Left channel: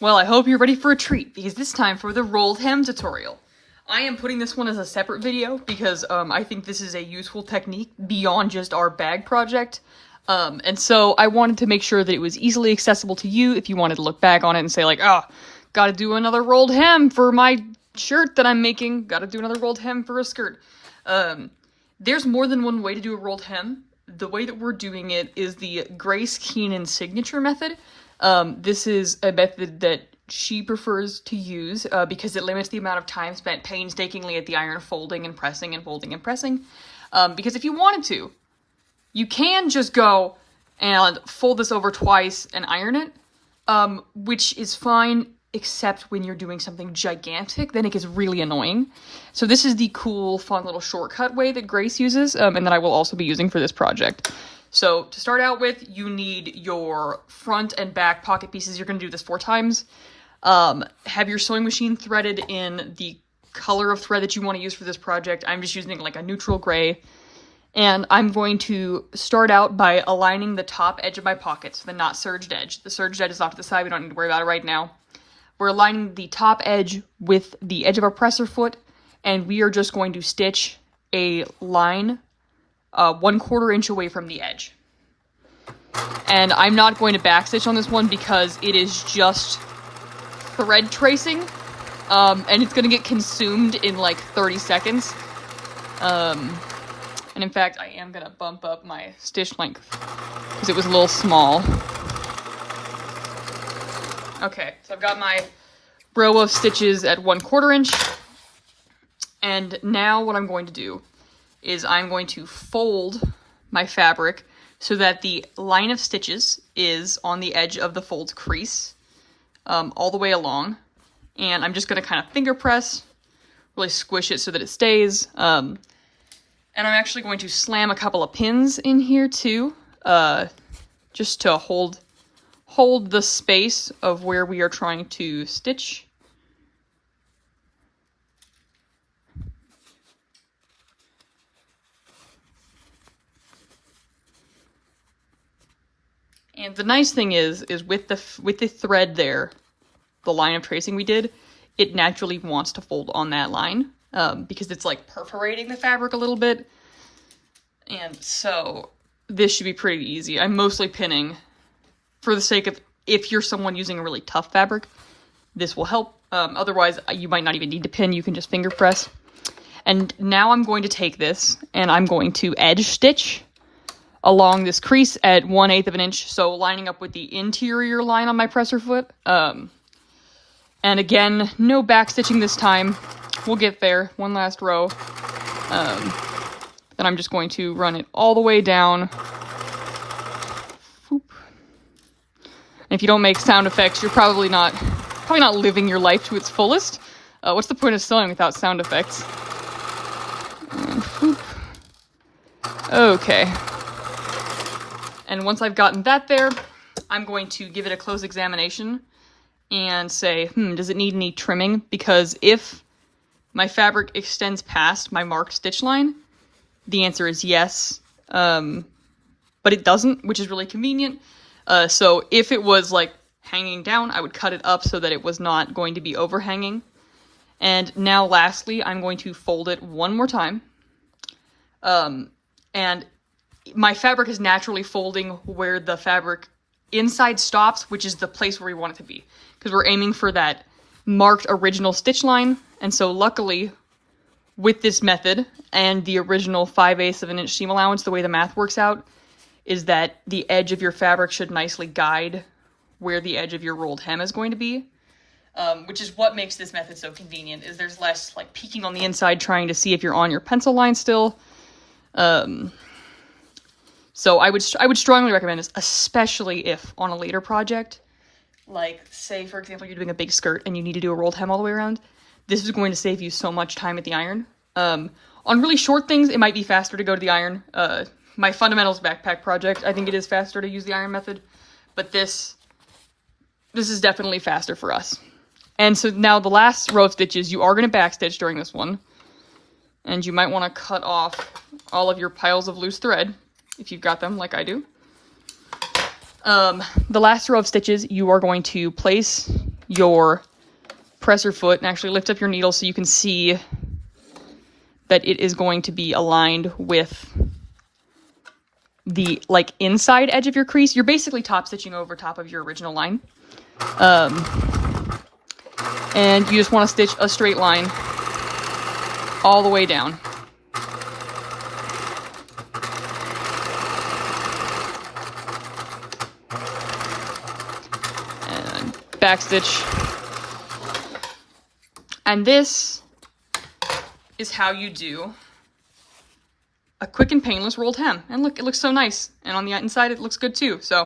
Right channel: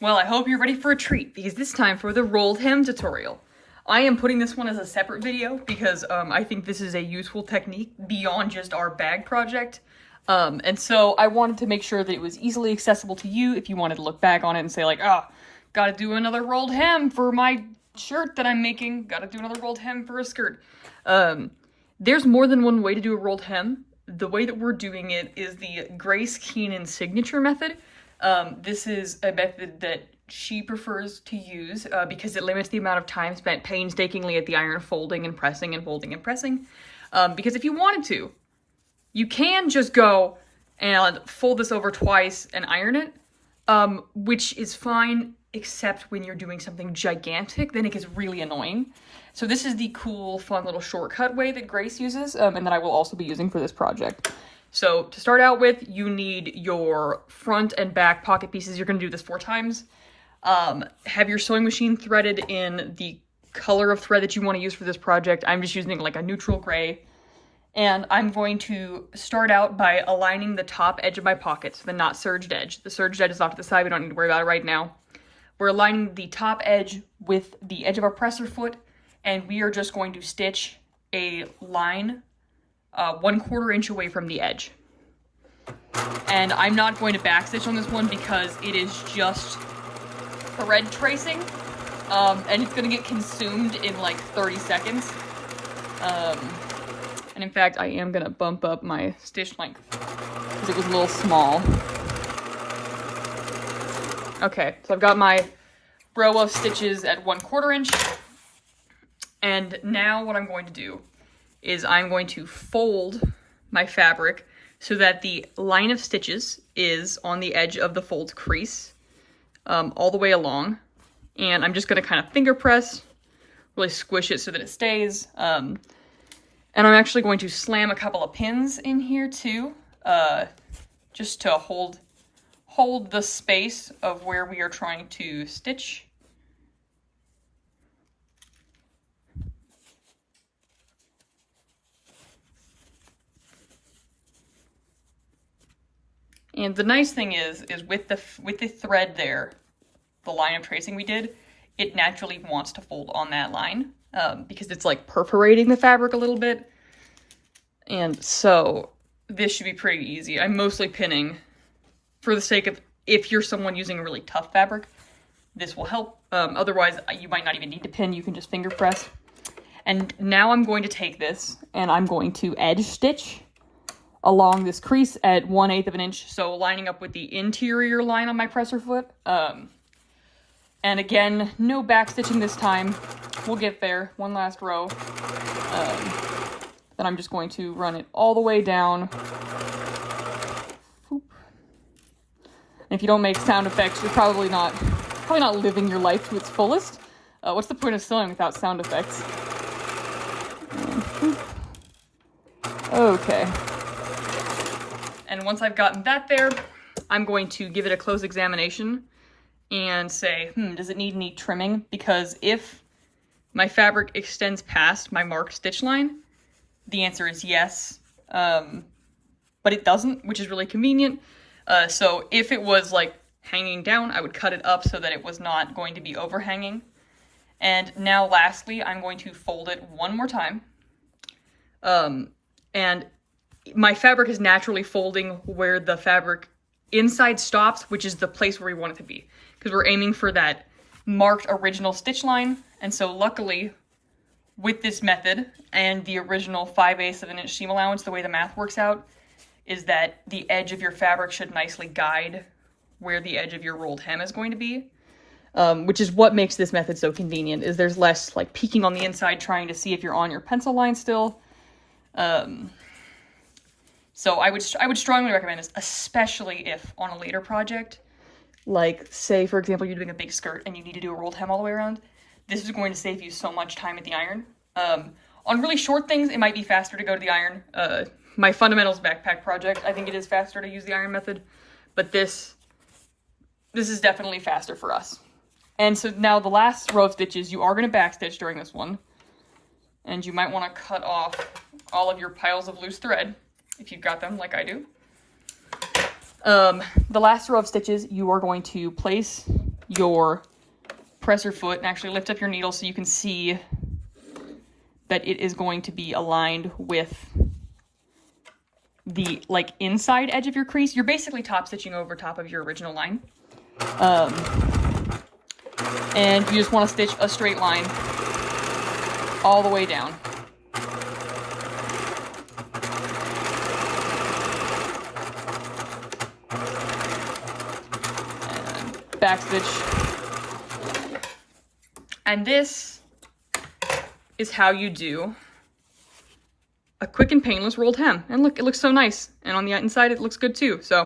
Well, I hope you're ready for a treat, because it's time for the rolled hem tutorial. I am putting this one as a separate video, because I think this is a useful technique beyond just our bag project. And so I wanted to make sure that it was easily accessible to you if you wanted to look back on it and say like, oh, gotta do another rolled hem for my shirt that I'm making, gotta do another rolled hem for a skirt. There's more than one way to do a rolled hem. The way that we're doing it is the Grace Keenan signature method. This is a method that she prefers to use because it limits the amount of time spent painstakingly at the iron folding and pressing and folding and pressing. Because if you wanted to, you can just go and fold this over twice and iron it, which is fine, except when you're doing something gigantic, then it gets really annoying. So this is the cool, fun little shortcut way that Grace uses, and that I will also be using for this project. So to start out with, you need your front and back pocket pieces. You're going to do this 4 times. Have your sewing machine threaded in the color of thread that you want to use for this project. I'm just using like a neutral gray. And I'm going to start out by aligning the top edge of my pocket, so the not serged edge. The serged edge is off to the side, we don't need to worry about it right now. We're aligning the top edge with the edge of our presser foot, and we are just going to stitch a line 1/4 inch away from the edge. And I'm not going to backstitch on this one because it is just thread tracing, and it's gonna get consumed in like 30 seconds. And in fact, I am gonna bump up my stitch length because it was a little small. Okay, so I've got my row of stitches at 1/4 inch. And now what I'm going to do is I'm going to fold my fabric so that the line of stitches is on the edge of the fold crease all the way along. And I'm just going to kind of finger press, really squish it so that it stays. And I'm actually going to slam a couple of pins in here too, just to hold the space of where we are trying to stitch. And the nice thing is with the thread there, the line of tracing we did, it naturally wants to fold on that line because it's like perforating the fabric a little bit. And so this should be pretty easy. I'm mostly pinning for the sake of if you're someone using a really tough fabric, this will help. Otherwise, you might not even need to pin. You can just finger press. And now I'm going to take this and I'm going to edge stitch along this crease at 1/8 of an inch, so lining up with the interior line on my presser foot. And again, no back stitching this time. We'll get there. One last row. Then I'm just going to run it all the way down. Boop. And if you don't make sound effects, you're probably not living your life to its fullest. What's the point of sewing without sound effects? Okay. And once I've gotten that there, I'm going to give it a close examination and say, does it need any trimming? Because if my fabric extends past my marked stitch line, the answer is yes, but it doesn't, which is really convenient. So if it was like hanging down, I would cut it up so that it was not going to be overhanging. And now lastly, I'm going to fold it one more time. And my fabric is naturally folding where the fabric inside stops, which is the place where we want it to be, because we're aiming for that marked original stitch line. And so luckily with this method and the original 5/8 of an inch seam allowance, the way the math works out is that the edge of your fabric should nicely guide where the edge of your rolled hem is going to be, which is what makes this method so convenient, is there's less like peeking on the inside trying to see if you're on your pencil line still. So I would strongly recommend this, especially if on a later project, like say for example you're doing a big skirt and you need to do a rolled hem all the way around. This is going to save you so much time at the iron. On really short things, it might be faster to go to the iron. My fundamentals backpack project, I think it is faster to use the iron method, but this is definitely faster for us. And so now the last row of stitches, you are going to backstitch during this one, and you might want to cut off all of your piles of loose thread if you've got them like I do. The last row of stitches, you are going to place your presser foot and actually lift up your needle so you can see that it is going to be aligned with the like inside edge of your crease. You're basically top stitching over top of your original line. And you just want to stitch a straight line all the way down. And backstitch. And this is how you do a quick and painless rolled hem. And look, it looks so nice. And on the inside, it looks good too. So